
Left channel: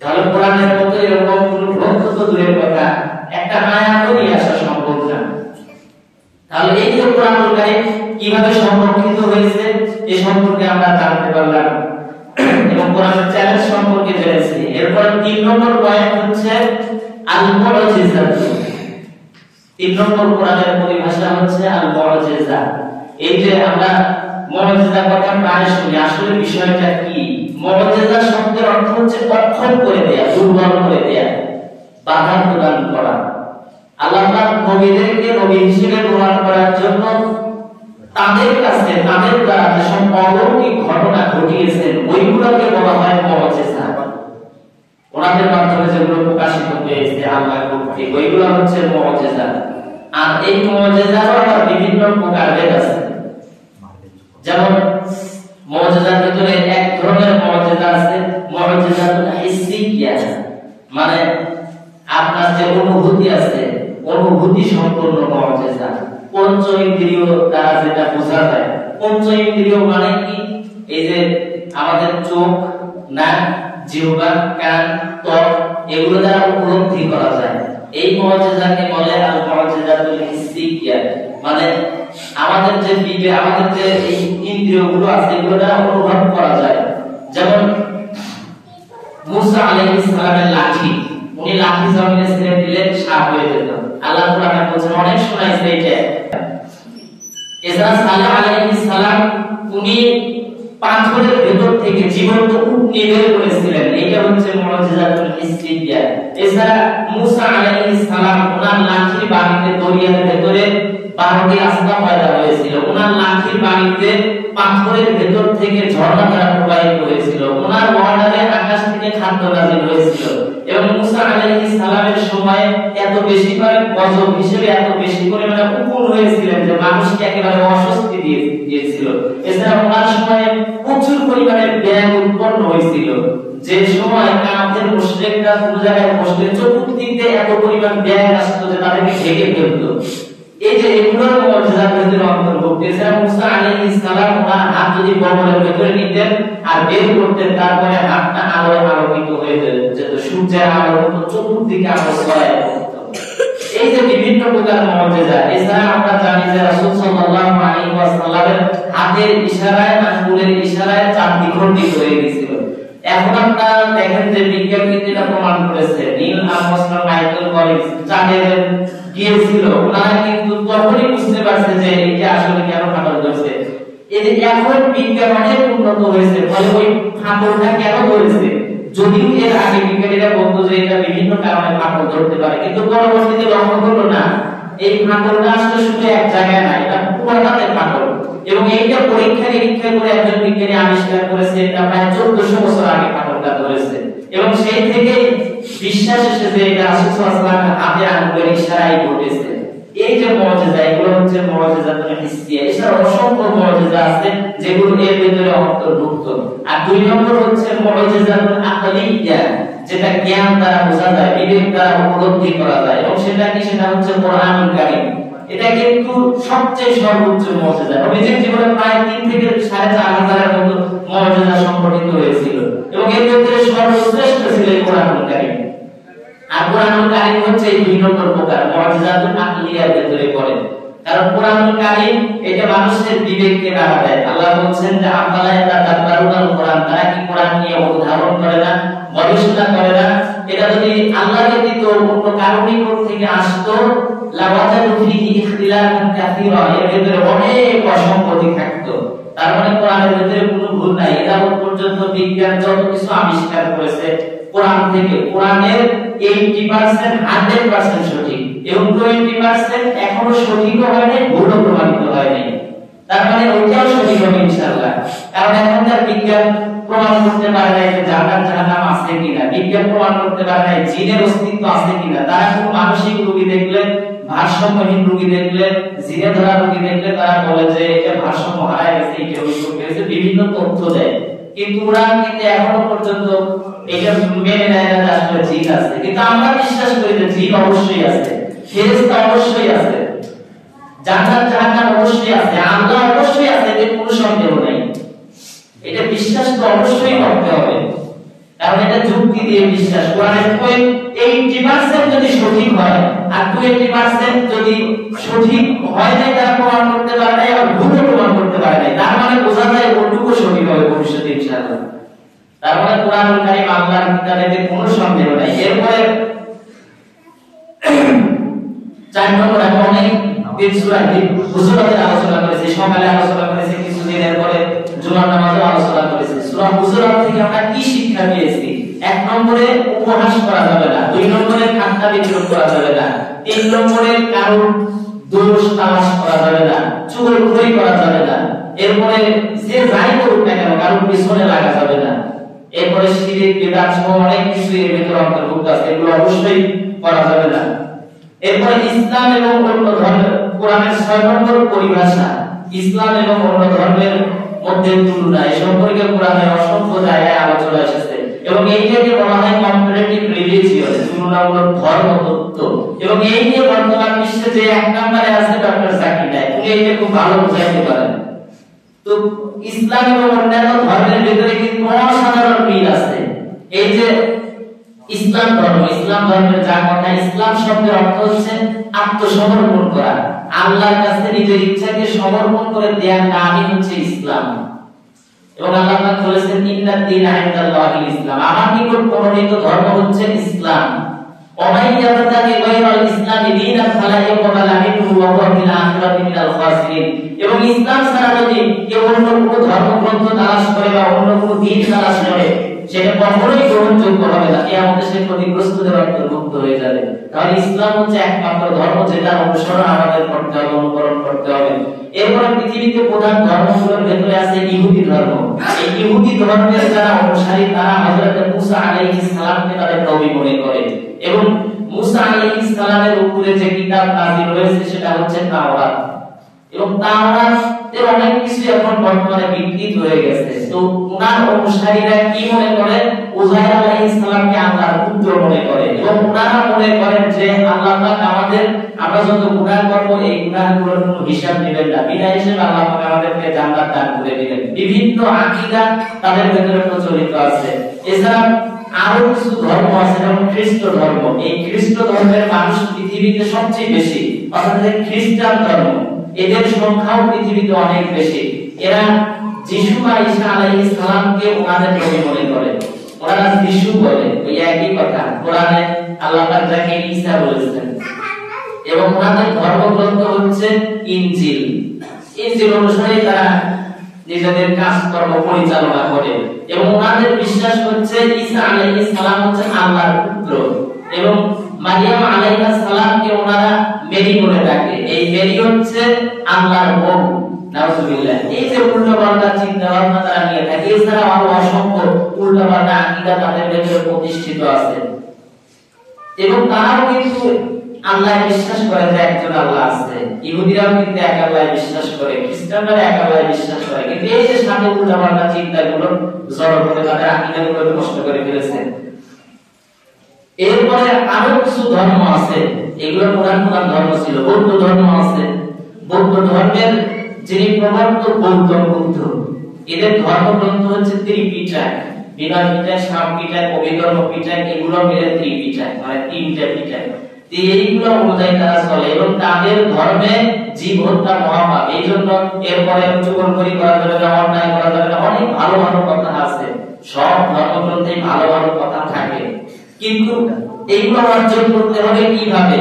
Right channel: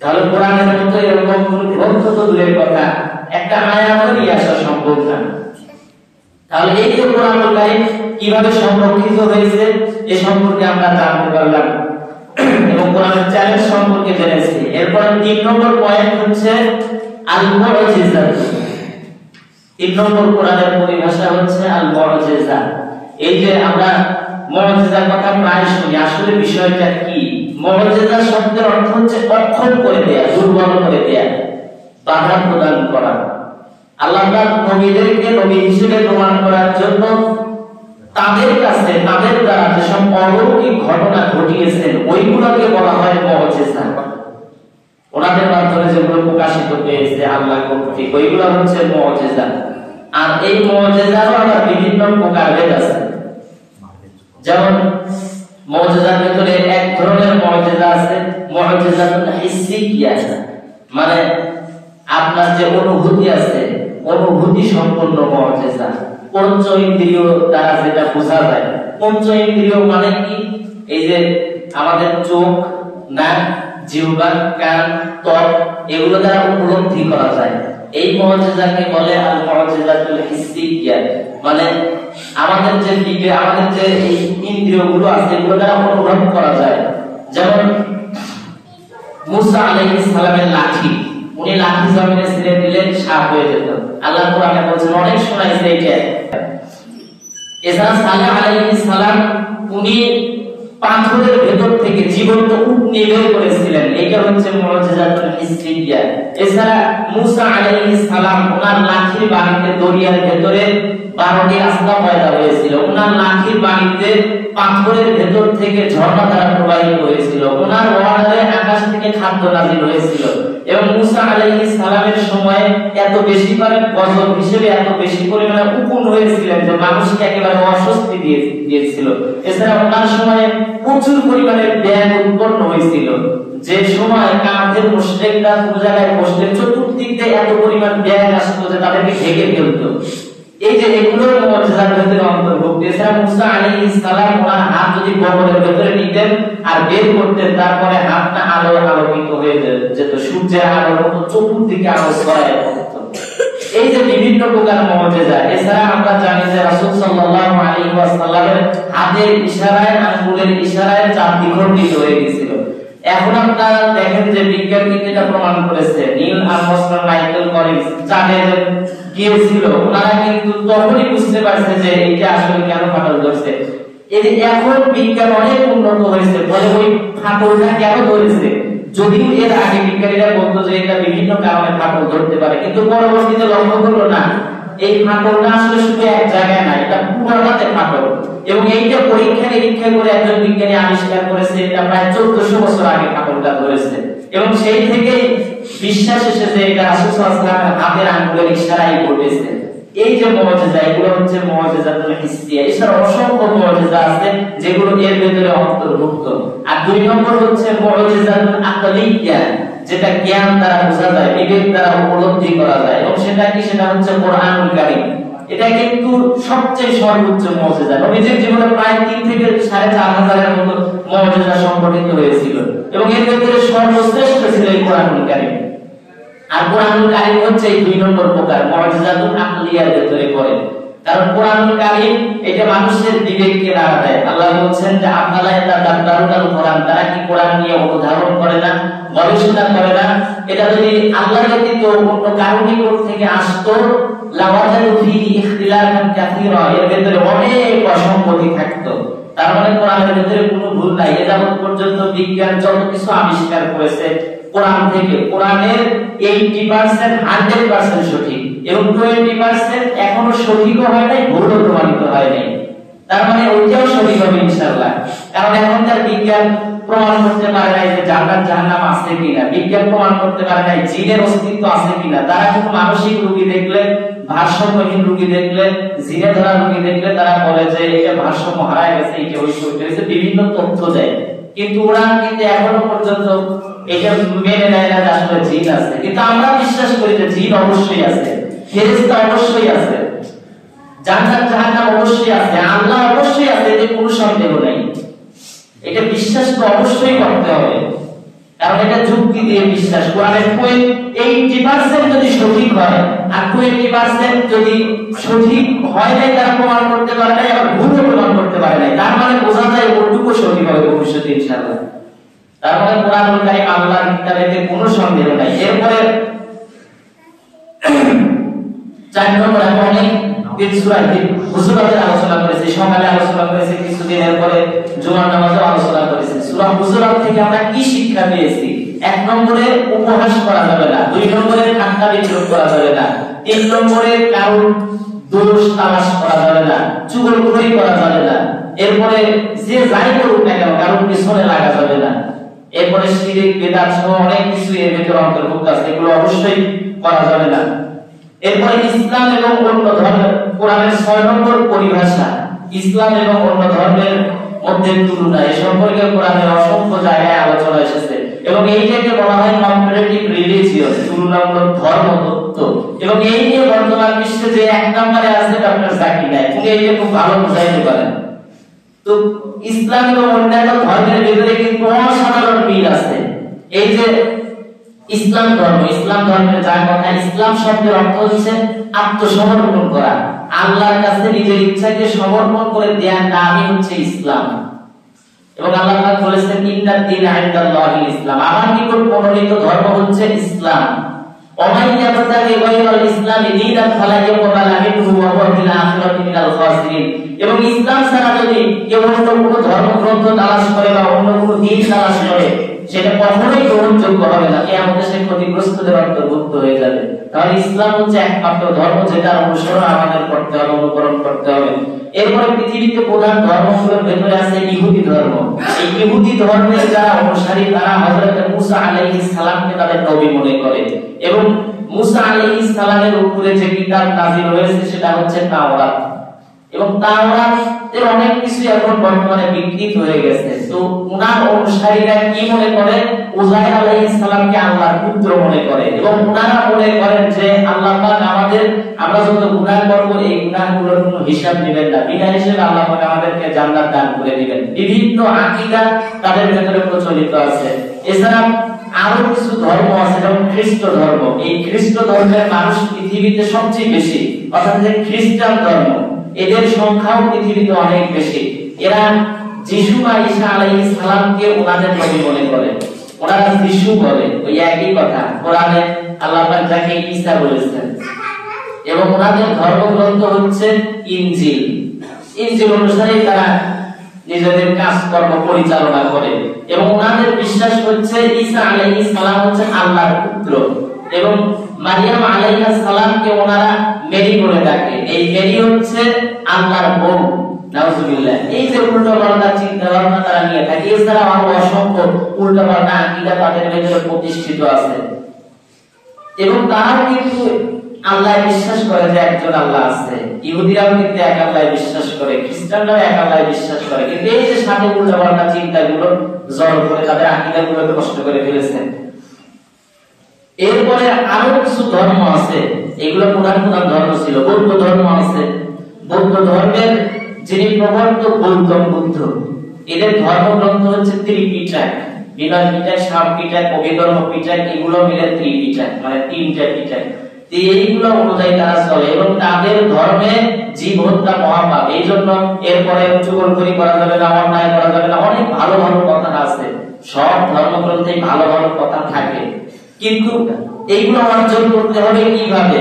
তাহলে কোরআনের মতো এরকম কোন গ্রন্থ তো দূরের কথা, একটা আয়াত নিয়ে আসা সম্ভব না। তাহলে এই যে কোরআনুল কারীম কিভাবে সংরক্ষিত হয়েছে এ সম্পর্কে আমরা জানতে পারলাম এবং কোরআনের চ্যালেঞ্জ সম্পর্কে জেনেছি। এরপর 3 নম্বর পয়েন্ট হচ্ছে আল মুআজিজা। 3 নম্বর কোরআনের পরিভাষা হচ্ছে আল মুআজিজা। এই যে আমরা মুআজিজার কথা প্রায় শুনি, আসলে বিষয়টা কি? মুআজিজা শব্দের অর্থ হচ্ছে অক্ষম করে দেয়া, দুর্বল করে দেয়া, বাধা প্রদান করা। আল্লাহ পাক নবীদেরকে নবী হিসেবে প্রমাণ করার জন্য তাদের কাছে তাদের দ্বারা যেসব অলৌকিক ঘটনা ঘটিয়েছেন ওইগুলোকে বলা হয় মুআজিজা। ওনাদের মাধ্যমে যেগুলো প্রকাশিত হয়েছে আল্লাহ কর্তৃক, ওইগুলো হচ্ছে মুআজিজা। আর এই মুআজিজারও আবার বিভিন্ন প্রকারের আছে। যেমন মুআজিজার ভিতরে এক ধরনের মুআজিজা আছে মুআজিজাতুল হিসসিয়া, মানে আপনার যে অনুভূতি আছে, অনুভূতি সম্পন্ন মুআজিজা, পঞ্চ ইন্দ্রিয় দ্বারা যেটা বোঝা যায়। পঞ্চ ইন্দ্রিয় মানে কি? এই যে আমাদের চোখ, নাক, জিহ্বা, কান, ত্বক, এগুলো দ্বারা উপলব্ধি করা যায়। এই মুআজিজাকে বলে আল মুআজিজাতুল হিসসিয়া, মানে আমাদের যে বিবেক, আমাদের যে এই ইন্দ্রিয়গুলো আছে এগুলো দ্বারা অনুভব করা যায়। যেমন মুসা আলাইহিস সালামের লাঠি, উনি লাঠি জমিনে ছেড়ে দিলেন সাপ হয়ে যেত। আল্লাহ কোরআনে বলেছেন, অনেক শোনাইছে এইটা। এছাড়া সালেহ আলাইহিস সালাম উনি পাথরের ভেতর থেকে জীবন্ত উট নিয়ে বের করেছিলেন, এইটা হচ্ছে মুআজিজাতুল হিসসিয়া। এছাড়া মুসা আলাইহিস সালাম ওনার লাঠির বাড়িতে দরিয়ার ভেতরে 12টি রাস্তা পয়দা হয়েছিল, ওনার লাঠির বাড়িতে পাথরের ভেতর থেকে ঝর্ণা ধারা প্রবাহিত হয়েছিল, ওনার ওয়ালে আকাশ থেকে খাদ্য নাযিল হয়েছিল। এবং মুসা আলাইহিস সালামের সময় এত বেশি করে গজব হিসেবে এত বেশি পরিমাণে উকুন হয়েছিলেন যে মানুষকে একেবারে অস্বস্তি দিয়েছিল। এছাড়া ওনার সময় প্রচুর পরিমাণে ব্যাঙ উৎপন্ন হয়েছিল, যে সময় কাফের মুশরিকরা পুরো জায়গায় বসে চতুর্দিক দিয়ে এত পরিমাণ ব্যাঙ আসতো যে তাদেরকে ঢেকে ফেলতো। এই যে এগুলোর মুআজিজার ভিতরে অন্তর্ভুক্ত। এছাড়া মুসা আলাইহিস সালাম ওনার হাত যদি বগলের ভিতরে নিতেন আর বের করতেন, তারপরে হাতটা আলোয় আলোকিত হয়ে যেত, সূর্যের আলোর মতো চতুর্দিকে আলো ছড়ায় যেত। এই যে বিভিন্ন প্রকার মুজিজা, এছাড়া আমরা জানি যে রাসূল সাল্লাল্লাহু আলাইহি ওয়াসাল্লামের হাতের ইশারায়, আঙ্গুলের ইশারায় চাঁদ দ্বিখণ্ডিত হয়ে গিয়েছিল। এখন আপনারা দেখেন যে বিজ্ঞান এটা প্রমাণ করেছে, নীল আর্মস্ট্রং, মাইকেল কলিন্স চাঁদে গিয়েছিল, ওনারা কিন্তু তখনই বুঝতে পারছে যে এটা আসলে কেন ফাটল ধরছে। এখন বিজ্ঞান অনেক উন্নত হয়েছে, ফলে ওই ফাটলটা কেন ধরেছে, যদিও এর আগে বিজ্ঞানীরা বলতো যে এটা বিভিন্ন কারণে ফাটল ধরতে পারে, কিন্তু পরবর্তীতে লক্ষ্য হলো না এই ফাটলটা আসলে শুধু এক জায়গায় না, এটা পুরোটাতে ফাটল। এবং এইটা পরীক্ষা করে একজন বিজ্ঞানী আবিষ্কার করেছে, এটা প্রায় 1400 বছর আগে ফাটলটা ধরেছে। এবং সেই থেকে বিশ্বাস এসেছে এটা রাসূল সাল্লাল্লাহু আলাইহি ওয়াসাল্লামের হাতের আঙ্গুলের ইশারায় ঘটেছে। এই যে মুজিজা, এগুলো হচ্ছে মুজিজাতুল হিসিয়া। এছাড়া অসংখ্য মুজিজা আছে যেগুলো এর ভিতরে অন্তর্ভুক্ত। আর দুই নম্বর হচ্ছে মুজিজাতুল আকলিয়া, যেটা জ্ঞান দ্বারা বোঝা যায়, বিবেক দ্বারা উপলব্ধি করা যায়, এবং সেটা কি, সেটা হচ্ছে কোরআনুল কারীম। এটা কিন্তু সবচেয়ে সর্বোচ্চ মুজিজা। নবীজির জীবনে প্রায় 3 থেকে 4500 এর মতো মুজিজা সংঘটিত হয়েছিল, এবং এর ভিতরে সর্বশ্রেষ্ঠ ছিল এই কোরআনুল কারীম। আর কোরআনুল কারীম হচ্ছে এই 2 নম্বর প্রকার মুজিজাতুল আকলিয়ার ভিতরে পড়ে। কারণ কোরআনুল কারীম এটা মানুষের বিবেককে নাড়া দেয়। আল্লাহ বলেন যে আফালা ইয়াতাদাব্বারুনাল কোরআন, তারা কি কোরআন নিয়ে অনুধাবন করে না, গবেষণা করে না? এটা যদি আল্লাহ ব্যতীত অন্য কারো নিকট থেকে আসতো, লাওয়াজাদু ফীহি ইখতিলাফান কাসীরা, এর ভিতরে অনেক অসঙ্গতি থাকতো। তার মানে কোরআনের ভিতরে কোনো ভুল নাই। এটা পর্যন্ত বিজ্ঞান যত কিছু আবিষ্কার করেছে কোরআন থেকে, কোরআনের 80% 100% সঠিক, এবং 20% এখনো সঠিক হয় নাই, ভুলও প্রমাণিত হয় নাই। তার মানে ওইটাও সঠিক হবে ইনশাআল্লাহ। কারণ এখনকার বিজ্ঞান প্রমাণ করতে পারে না যে জান্নাত জাহান্নাম আছে কিনা, বিজ্ঞান প্রমাণ করতে পারে না জিনের অস্তিত্ব আছে কিনা। তারা শুধু মানসিক রোগী দেখলে, ভারসাম্যহীন রোগী দেখলে, জিনে ধরা রোগী দেখলে তারা বলে যে এটা ভারসাম্য হারায় গেছে, এটা ওই করেছে, বিভিন্ন তথ্য দেয়। কিন্তু ওরা কিন্তু এখনো পর্যন্ত এটা মেনে নেয় না যে আসলে জিন আছে। কিন্তু আমরা বিশ্বাস করি যে জিন অবশ্যই আছে, ফেরেশতা অবশ্যই আছে, জান্নাত জাহান্নাম অবশ্যই আছে, আল্লাহ অবশ্যই আছে, এতে কোনো সন্দেহ নেই। এটা বিশ্বাস তো অবশ্যই করতে হবে, কারণ এটা যুক্তি দিয়ে বিশ্বাস। কোরআনের 80% যদি সঠিক হয় আর 20% যদি সঠিক হয় নাই, তারা প্রমাণ করতে পারে নাই, আর ভুল প্রমাণ করতে পারে নাই, তার মানে বোঝা যায় ওটুকু সঠিক হবে ভবিষ্যতে ইনশাআল্লাহ। তার মানে কোরআনুল কারীম আল্লাহর কিতাবেতে কোনো সন্দেহ নাই। এরপরে 4 নম্বর অনেক হুজুরাতে আলোচনা করেছে, সকালে আলোচনা করেছে, কিছুদিন এরপরে জুমার নামাজে আলোচনা করেছে। সূরা হুজুরাত থেকে আমরা কি শিক্ষা পেয়েছি? 1 নম্বরে উপহাস করা যাবে না, 2 নম্বরে ঠাট্টা বিদ্রূপ করা যাবে না, 3 নম্বরে কারো দোষ তালাশ করা যাবে না, চুগলখড়ি করা যাবে না, এরপরে যে যাই করুক না কেন কারোর পিছনে লাগা যাবে না। এরপরে শিরক বিদআত সহ অনেক কিছু এর ভিতরে অন্তর্ভুক্ত আছে, এগুলো অবশ্যই করা যাবে না। এরপরে ইসলাম এবং অন্য ধর্মের, কোরআনের 6 নম্বর পরিভাষা, ইসলাম এবং অন্য ধর্মের মধ্যে তুলনা, এই সম্পর্কে কোরআনে অসংখ্য জায়গায় আলোচনা এসেছে, এবং এইটাকে বলা হয় কম্পারেটিভ রিলিজিয়ন, তুলনামূলক ধর্মতত্ত্ব। এবং এই নিয়ে বর্তমান বিশ্বে যে 1 নম্বরে আছে ডক্টর জাকির নায়েক, উনি এটা খুব ভালো বুঝাইতে পারেন। তো ইসলাম এবং অন্যান্য ধর্মের ভিতরে কিন্তু অসাধারণ মিল আছে। এই যে ইসলাম ধর্ম, ইসলাম ধর্মের যার কথা, ইসলাম শব্দের অর্থ হচ্ছে আত্মসমর্পণ করা, আল্লাহর কাছে নিজের ইচ্ছাকে সমর্পণ করে দেওয়ার নামই হচ্ছে ইসলাম। এবং আল্লাহ তাআলা বলেছেন ইন্নাদ দীনা ইনদাল্লাহিল ইসলাম, আমার নিকট মনোনীত ধর্ম হচ্ছে ইসলাম। ওমান ইয়াবতাগি গায়রাল ইসলামি দীনান ফালা ইয়াকবালা মিনহু ওয়া হুয়া ফিল আখিরাতি মিনাল খাসিরিন। এবং ইসলাম ছাড়া যদি কেউ অন্য কোনো ধর্মগ্রন্থ তালাশ করে বা অন্য কোনো দিন তালাশ করে, সেটা কখনোই গ্রহণযোগ্য হবে না, কিয়ামতে সে ক্ষতিগ্রস্তদের অন্তর্ভুক্ত হয়ে যাবে। কারণ ইসলাম হচ্ছে একমাত্র ধর্ম যেটা অনুসরণ আমাদের করতে হবে, অনুকরণ করতে হবে। এরপরে পৃথিবীতে প্রধান ধর্মগুলোর ভেতরে আছে ইহুদি ধর্ম। এই ইহুদি ধর্মের যারা অনুসারী, তারা হযরত মুসা আলাইহিস সালামকে তাদের নবী মনে করে, এবং মুসা আলাইহিস সালামের উপরে যে কিতাব নাযিল হয়েছে সেটা হচ্ছে তাওরাত। এবং তাওরাতের অনেক কিছু এখন বর্তমানে বিকৃত হয়ে গেছে। তো উনার অনুসারীরা কি মনে করে? উযাইর আলাইহিস সালামকে আল্লাহর পুত্র মনে করে, এবং উনারা মনে করেন যে আল্লাহ পাক আমরা যত গুনাহ করব এই গুনাহগুলোর কোনো হিসাব নেবেন না, বিনা হিসেবে আল্লাহ পাক আমাদেরকে জান্নাত দান করে দিবেন। বিভিন্ন আকীদা তাদের ভেতরে প্রচলিত আছে। এছাড়া আরো কিছু ধর্ম আছে, যেমন খ্রিস্ট ধর্ম। এই খ্রিস্ট ধর্মের মানুষ পৃথিবীতে সবচেয়ে বেশি, অর্থাৎ খ্রিস্টান ধর্ম, এদের সংখ্যাও পৃথিবীতে অনেক বেশি। এরা যিশু বা ঈসা আলাইহিস সালামকে ওনাদের নবী মনে করে, ওনারা যিশু বলে, ওই একই কথা। কোরআনে আল্লাহ পাক যাকে ঈসা বলেছেন, এবং ওনাদের ধর্মগ্রন্থ হচ্ছে ইনজিল। ইনজিল অনুসারে তারা নিজেদের কাজকর্ম পরিচালনা করে, এবং ওনাদের বিশ্বাস হচ্ছে ঈসা আলাইহিস সালাম হচ্ছে আল্লাহর পুত্র, এবং মারিয়াম আলাইহিস সালামকে ওনারা মেরি বলে ডাকে। এই মেরি হচ্ছে আল্লাহর বউ, নাউজুবিল্লাহ। এই যে উল্টাপাল্টা চিন্তা ভাবনা তারা নিয়ে থাকে, এছাড়া আরো অসংখ্য উল্টাপাল্টা আকীদা তাদের ভেতরে প্রতিষ্ঠিত আছে। এবং তারাও কিন্তু আল্লাহ বিশ্বাস করে যে একজন আল্লাহ আছে। ইহুদিরাও কিন্তু এক আল্লাহ বিশ্বাস করে, খ্রিস্টানরাও এক আল্লাহ বিশ্বাস করে। কিন্তু এই যে সাথে উল্টাপাল্টা চিন্তাগুলো জড়ো করে তাদের আকীদাগুলোকে নষ্ট করে ফেলেছে। এরপরে আরো কিছু ধর্ম আছে, এগুলো প্রধান প্রধান ধর্ম ছিল। বৌদ্ধ ধর্ম আছে, বৌদ্ধ ধর্মের যিনি প্রবর্তক গৌতম বুদ্ধ, এদের ধর্মগ্রন্থ হচ্ছে ত্রিপিটক। বিনয় পিটক, শাম পিটক, অভিধর্ম পিটক, এগুলো মিলে ত্রিপিটক, মানে তিনটা পিটক। এইগুলো অনুযায়ী তারা চলে, এবং তাদের ধর্মে জীব হত্যা মহাপাপ, এই জন্য এরপরে চুগলখড়ি করা যাবে না, অন্যায় করা যাবে না, অনেক ভালো ভালো কথা আছে। সব ধর্মগ্রন্থে ভালো ভালো কথা থাকে, কিন্তু এইগুলো অর্জন করতে হবে কিভাবে,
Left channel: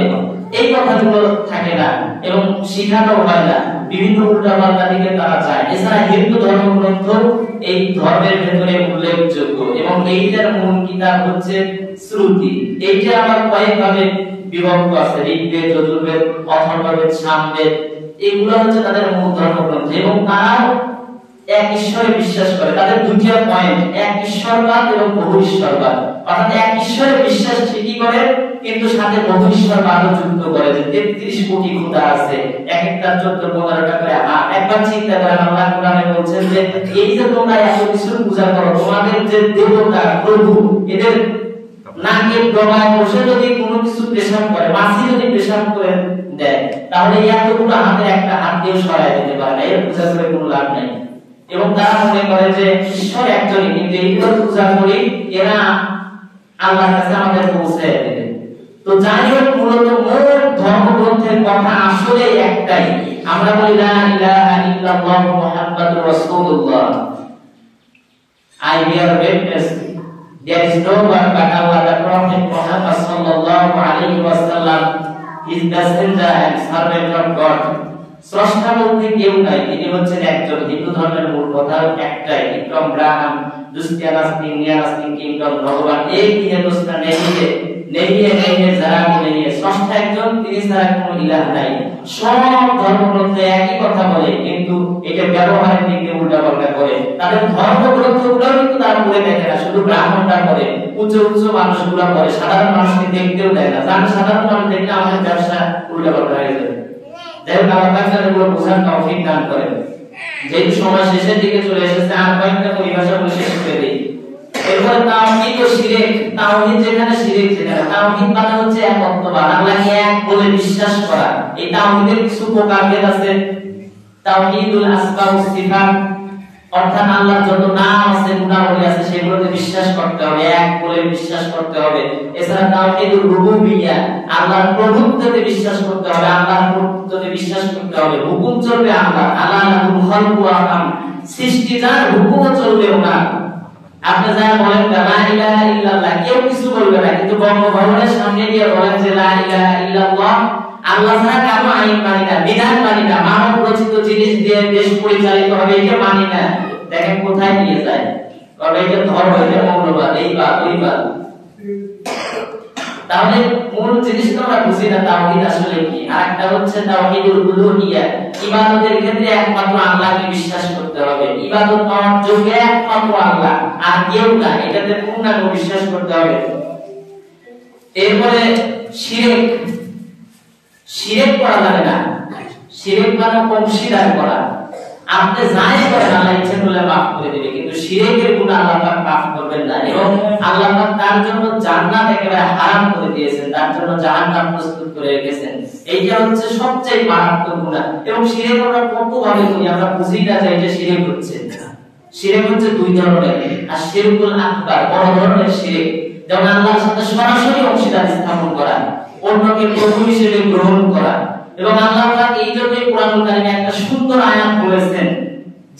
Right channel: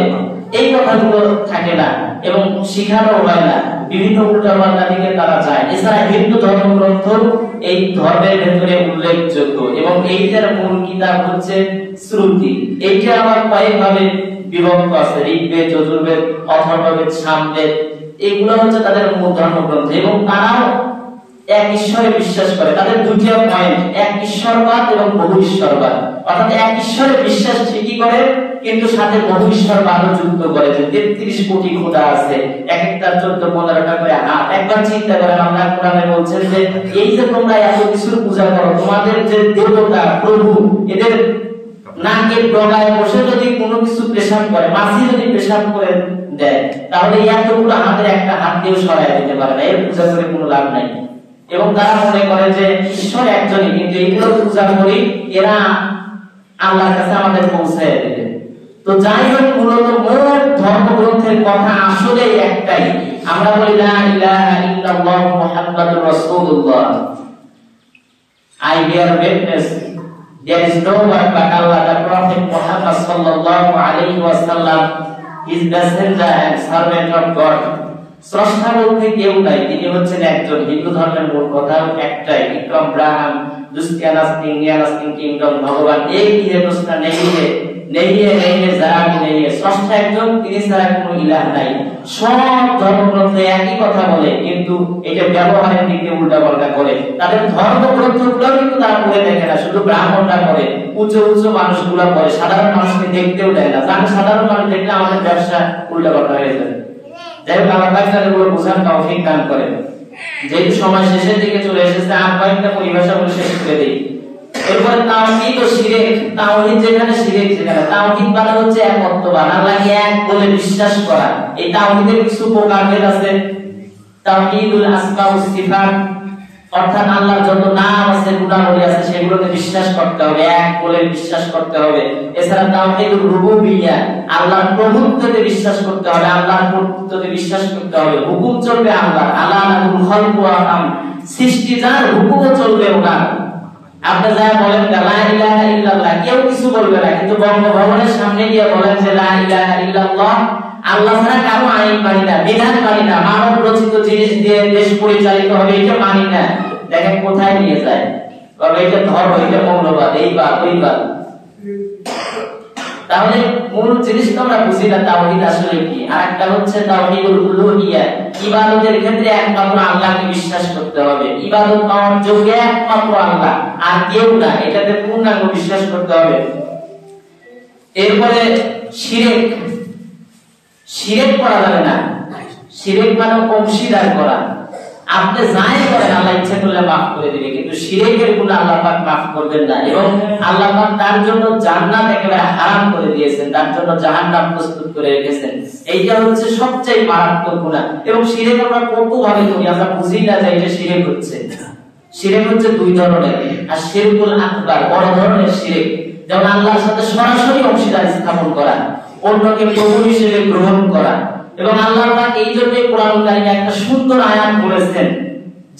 এই কথাগুলো থাকে না এবং শিখানো হয় না। বিভিন্ন উল্টাপাল্টা দিকে তারা যায়। এছাড়া হিন্দু ধর্মগ্রন্থ এই ধর্মের ভেতরে উল্লেখযোগ্য, এবং এইটার মূল কিতাব হচ্ছে শ্রুতি। এইটা আমার কয়েকভাবে বিভক্ত আছে, ঋগ্বেদ, যজুর্বেদ, অথর্ববেদ, সামবেদ, এগুলো হচ্ছে তাদের মূল ধর্মগ্রন্থ। এবং তারাও এক ঈশ্বরে বিশ্বাস করে। তাদের দুইটা পয়েন্ট, এক ঈশ্বরবাদ এবং বহু ঈশ্বরবাদ। অর্থাৎ এক ঈশ্বরে বিশ্বাস ঠিকই করে, কিন্তু সাথে বহু ঈশ্বরবাদও যুক্ত করে। যে 33 কোটি খোদা আছে, এক একটা 14-15টা করে হাত। একবার চিন্তা করেন, আল্লাহ কোরআনে বলছেন যে এই যে তোমরা এত কিছুর পূজা করো, তোমাদের যে দেবতা প্রভু, এদের নাকের ডগায় বসে যদি কোনো কিছু পেশাব করে, মাছি যদি পেশাব করে দেয়, তাহলে এতগুলো হাতের একটা হাত দিয়ে সরাই দিতে পারে না। এর পূজা করে কোনো লাভ নাই। এবং তারা মনে করে যে ঈশ্বর একজনই, কিন্তু এইগুলো পূজা করি, এরা আল্লাহর কাছে আমাদের পৌঁছায় দেবে। তো যাই হোক, মূলত মূল ধর্মগ্রন্থের কথা আসলে একটাই। আমরা বলি লা ইলাহা ইল্লাল্লাহ মুহাম্মাদুর রাসূলুল্লাহ, I bear witness there is no one but Allah, the Prophet Muhammad sallallahu alaihi wasallam, his messenger and servant of God. স্রষ্টা বলতে কেউ নাই, তিনি হচ্ছেন একজন। হিন্দু ধর্মের মূল কথা একটাই, ইকম ব্রাহ্ম দুস্তিয়া নাস্তিক নিয়া নাস্তিক কিংডম ভগবান এক হি হে, দুসরা নেই হে, নেই হে, নেই হে, যারা নেই হে। স্রষ্টা একজন, তিনি ছাড়া কোনো ইলাহ নাই। সব ধর্মগ্রন্থে একই কথা বলে, কিন্তু এটা ব্যবহারের দিকে উল্টাপাল্টা করে। তাদের ধর্মগ্রন্থগুলো কিন্তু তারা পড়ে দেখে না, শুধু ব্রাহ্মণরা করে, উচ্চ উচ্চ মানুষগুলো করে, সাধারণ মানুষকে দেখতেও দেয় না। জানে সাধারণ মানুষ দেখলে আমাদের ব্যবসা উল্টাপাল্টা হয়ে যাবে। যাই হোক, আল্লাহ তাআলা এগুলো বোঝার তৌফিক দান করেন। যেহেতু সময় শেষের দিকে চলে এসেছে, আর কয়েকটা পরিভাষাগুলো শেষ করে দিই। এরপরে তাওহীদ ও শিরক। তাওহীদ যেখানে, শিরক যেখানে। তাওহীদ মানে হচ্ছে একত্ববাদ, আল্লাহকে এক বলে বিশ্বাস করা। এই তাওহীদের কিছু প্রকারভেদ আছে। তাওহীদুল আসমা ওয়াস সিফাত, অর্থাৎ আল্লাহর যত নাম আছে, গুণাবলী আছে, সেগুলোতে বিশ্বাস করতে হবে, এক বলে বিশ্বাস করতে হবে। এছাড়া তাওহীদুর রুবুবিয়্যা, আল্লাহর প্রভুত্বতে বিশ্বাস করতে হবে, আল্লাহর প্রভুত্বতে বিশ্বাস করতে হবে। হুকুম চলবে আল্লাহ, আল্লাহুল খালকু ওয়া আমর, সৃষ্টি যার, হুকুমও চলবে ওনার। আপনি যা বলেন লা ইলাহা ইল্লাল্লাহ, কেউ কিছু বলবে না, কিন্তু বঙ্গভবনের সামনে গিয়ে বলেন যে লা ইলাহা ইল্লাল্লাহ, আল্লাহ ছাড়া কারো আইন মানি না, বিধান মানি না, মানব রচিত জিনিস দিয়ে দেশ পরিচালিত হবে, এটা মানি না। দেখেন কোথায় নিয়ে যায়, তবে এটা ধর্ম, এটা মৌলবাদ, এই বাদ ওই বাদ। তাহলে মূল জিনিসটা আমরা বুঝি না তাওহীদ আসলে কি। আর একটা হচ্ছে তাওহীদুল উলুহিয়্যা, ইবাদতের ক্ষেত্রে একমাত্র আল্লাহকে বিশ্বাস করতে হবে, ইবাদত পাওয়ার যোগ্য একমাত্র আল্লাহ, আর কেউ না, এটাতে পূর্ণাঙ্গ বিশ্বাস করতে হবে। এরপরে শিরক। শিরক করা যাবে না। শিরক মানে অংশীদার করা। আপনি যাই করেন, আল্লাহ ইচ্ছে করলে মাফ করে দিবে, কিন্তু শিরকের গুনাহ আল্লাহ পাক মাফ করবেন না। এবং আল্লাহ পাক তার জন্য জান্নাত একেবারে হারাম করে দিয়েছেন, তার জন্য জাহান্নাম প্রস্তুত করে রেখেছেন। এইটা হচ্ছে সবচেয়ে মারাত্মক গুনাহ। এবং শিরক আমরা কত ভাবে করি, আমরা বুঝি না যে এটা শিরক হচ্ছে। শিরক হচ্ছে দুই ধরনের, আর শিরকুল আকবার বড় ধরনের শিরক, যেমন আল্লাহর সাথে সরাসরি অংশীদার স্থাপন করা, অন্যকে প্রভু হিসেবে গ্রহণ করা। এবং আল্লাহ পাক এই জন্যই কোরআনুল কারীমে একটা সুন্দর আয়াত বলেছেন,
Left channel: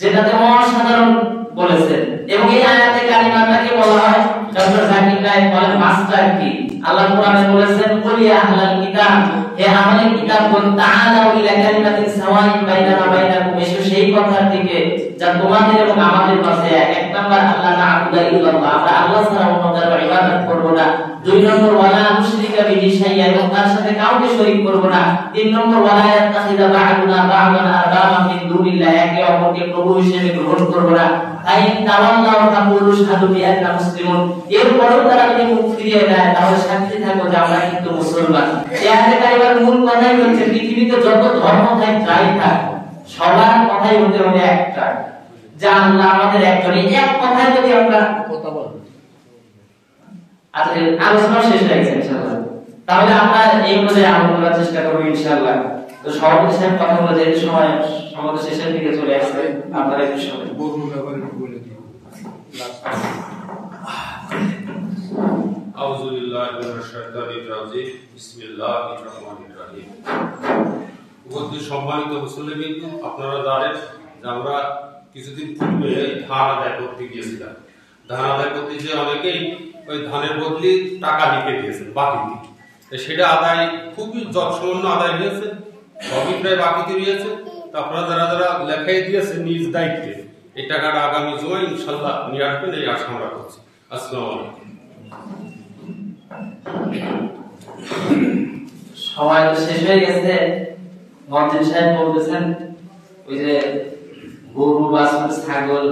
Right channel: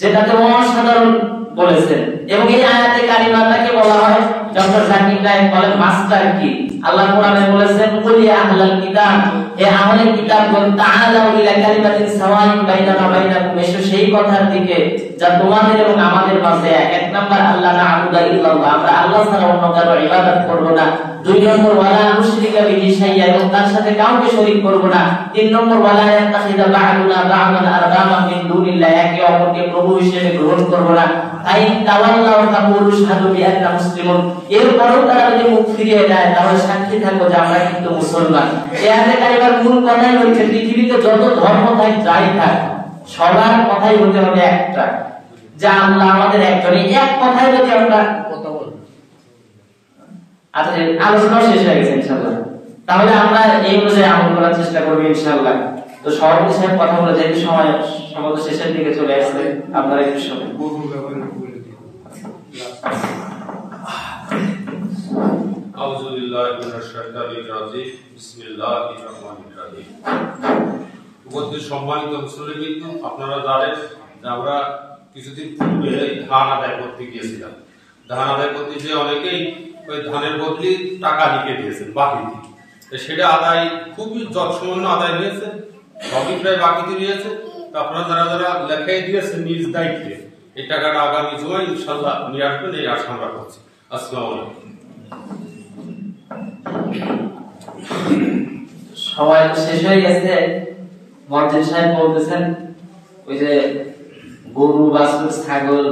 যেটাতে অসাধারণ বলেছেন। এবং এই আয়াতে কারিমাটাকে বলা হয়, ডক্টর জাকির নায়েক বলেন মাস্টার কি। আল্লাহ কোরআনে বলেছেন, কুল ইয়া আহলাল কিতাব, হে আহলে কিতাবগণ, তাআলাউ ইলা কালিমাতিন সাওয়াইন বাইনানা বাইনাকুম, এসো সেই কথার দিকে যা তোমাদের এবং আমাদের মাঝে এক। এক নাম্বার, আল্লাহ না'বুদা ইল্লাল্লাহ, আমরা আল্লাহ ছাড়া অন্য কারো ইবাদত করব না। দুই নম্বর, ওয়ালা নুশরিকা বিহি শাইআ, এবং তার সাথে কাউকে শরীক করব না। তিন নম্বর, ওয়ালা ইয়াত্তাখিযা বা'দুনা বা'দান আরবাবা মিন দুনিল্লাহ, একে অপরকে প্রভু হিসেবে গ্রহণ করব না। আইন তাওয়াল্লাহু ফাকুলু শাহাদু বিআন্না মুসলিমুন, এরপরেও তারা যদি মুখ ফিরিয়ে দেয় তাহলে সাক্ষী থাকো যে আমরা কিন্তু মুসলমান। এই আয়াতে কারিমার মূল কথাই হচ্ছে, পৃথিবীতে যত ধর্ম থাকে যাই থাক, সবার কথাই হতে হবে একটা, যে আল্লাহ আমাদের একজন। এই এক কথাই যদি আমরা কথা বলি, আচ্ছা আলোচনা শেষ হয়ে গেছে ইনশাআল্লাহ, তাহলে আমরা এই অনুযায়ী আমল করার চেষ্টা করব ইনশাআল্লাহ। তো সভাপতি সাহেব কথা বলে যেহেতু সময় সমাবেশ শেষের দিকে চলে আসছে, আপনারা একটু সময় আউযু বিল্লাহি মিনাশ শাইতানির রাজিম, বিসমিল্লাহির রহমানির রহিম। উপস্থিত সম্মানিত মুসলিম, আপনারা জানেন যে আমরা কিছুদিন পূর্বে ধান আদায় করতে গিয়েছিলাম। ধান আদায় করতে গিয়ে অনেকেই ওই ধানের বদলে টাকা লিখে দিয়েছেন বাকিতে, সেটা আদায় খুবই যৎসামান্য আদায় হয়েছে, সবই প্রায় বাকিতে রয়েছে। আপনারা যারা যারা লেখাই দিয়েছেন নিজ দায়িত্বে, এই টাকাটা আগামী জুমায় ইনশাআল্লাহ নিয়ে আসবেন, এই আশা আমরা করছি। আসসালামু আলাইকুম। সময় তো শেষ হয়ে গেছে। মসজিদ সাহেব বলতেছেন, ওই যে গরু, বাছুর, ছাগল,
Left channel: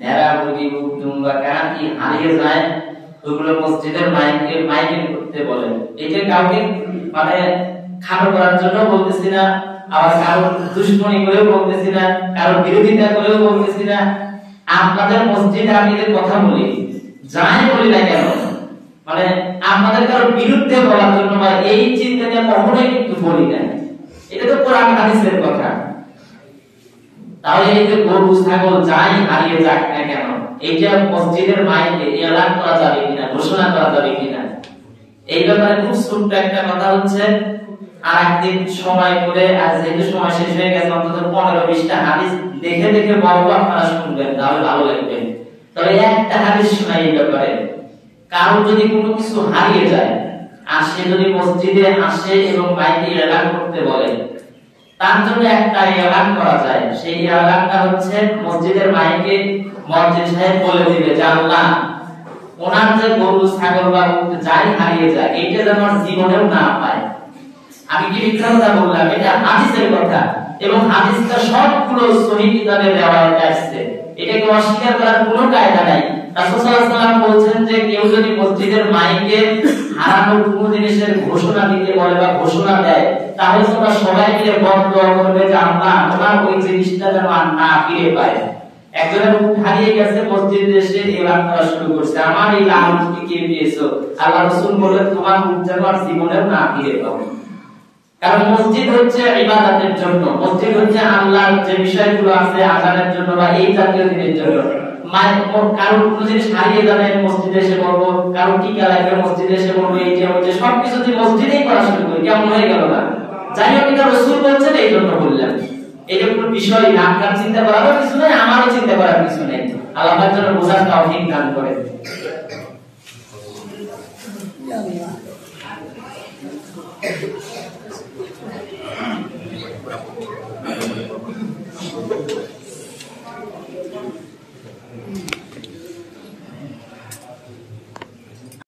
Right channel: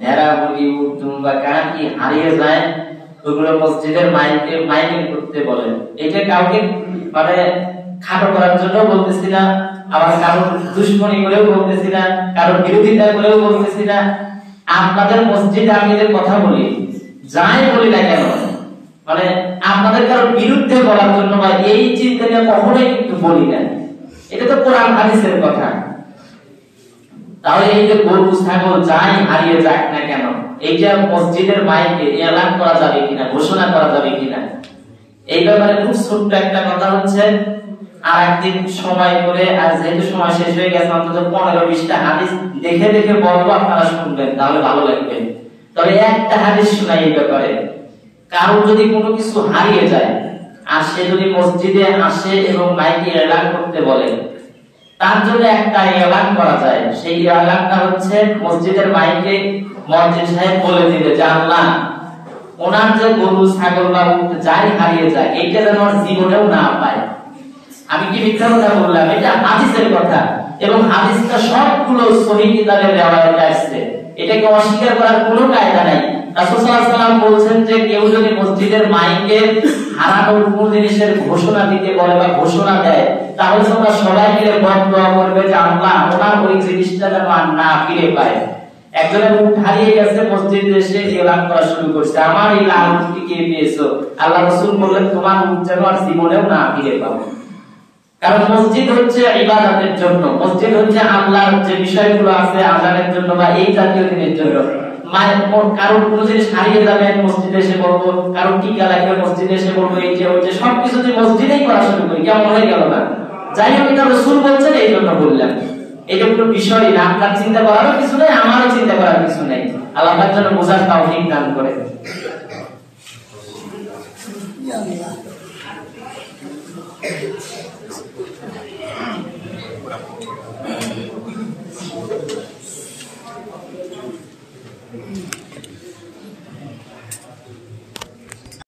ভেড়া, মুরগি, উট, দুম্বা, কান কি হারিয়ে যায়, ওগুলো মসজিদের মাইকে করতে বলেন। এটা কাউকে মানে খাটো করার জন্য বলতেছি না, আবার কারো দুশ্মনী করেও বলতেছি না, কারো বিরোধিতা করেও বলতেছি না। আপনাদের মসজিদে আমি যে কথা বলি, যাই বলি না কেন, মানে আপনাদের কারো বিরুদ্ধে বলার জন্য বা এই চিন্তাটা কখনোই কিন্তু বলি না। এটা তো কোরআন হাদিসের কথা। তাহলে এই যে গরু, ছাগল যাই হারিয়ে যাক না কেন, এইটা মসজিদের মাইকে এলান করা যাবে কিনা, ঘোষণা করা যাবে কিনা, এই ব্যাপারে খুব ছোট্ট একটা কথা হচ্ছে। আর একদিন সময় করে, আর যেহেতু সময় শেষ হয়ে গেছে, অন্তত 15-20টা হাদিস দেখে দেখে বলবো, আপনারা শুনবেন, তাহলে ভালো লাগবে। তবে একটা হাদিস শোনাই এই ব্যাপারে। কারো যদি কোনো কিছু হারিয়ে যায় আর সে যদি মসজিদে আসে এবং মাইকে এলান করতে বলে, তার জন্য একটা এলান করা যায়। সেই এলানটা হচ্ছে মসজিদের মাইকে মসজিদ সাহেব বলে দিবে যে আল্লাহ, ওনার যে গরু, ছাগল বা উট যাই হারিয়ে যায়, এইটা যেন আমার জীবনেও না পায়। আমি কি মিথ্যা কথা বললাম? এটা হাদিসের কথা, এবং হাদিসটা সবগুলো সহিহ কিতাবে রিওয়ায়াতে আসছে। এটাকে অস্বীকার করার কোনো কায়দা নাই। রাসূল সাল্লাল্লাহু আলাইহি ওয়াসাল্লাম বলেছেন যে কেউ যদি মসজিদের মাইকে হারানো কোনো জিনিসের ঘোষণা দিতে বলে বা ঘোষণা দেয়, তাহলে তোমরা সবাই মিলে বদদোয়া করবে যে আল্লাহ ওনার ওই জিনিসটা যেন আর না ফিরে পায়। একজনের উট হারিয়ে গেছে, মসজিদে এসে এলান করা শুরু করছে, আমার এই লালনকে কে পেয়েছো? আল্লাহ রাসূল বলেন, তোমার উট যেন আর জীবনেও না ফিরে পাবে। কারণ মসজিদ হচ্ছে ইবাদতের জন্য, মসজিদ হচ্ছে আল্লাহর যে বিষয়গুলো আছে আযানের জন্য বা এই জাতীয় জিনিসের জন্য। কারণ কোনো জিনিস হারিয়ে যাবে মসজিদে এসে বলবো, কারণ টিকা লাগবে মসজিদে এসে বলবো, এই যে হচ্ছে সবকিছু যদি মসজিদেই করা শুরু করি, কেমন হয়ে গেল না? যাই হোক, এটা রাসূল বলছেন এই জন্য বললাম। এটা কোনো বিষয় না, আপনার চিন্তা করার কিছু নেই, আমারও চিন্তা করার কিছু নেই। আল্লাহ তাআলা যেন বোঝার তৌফিক দান করে।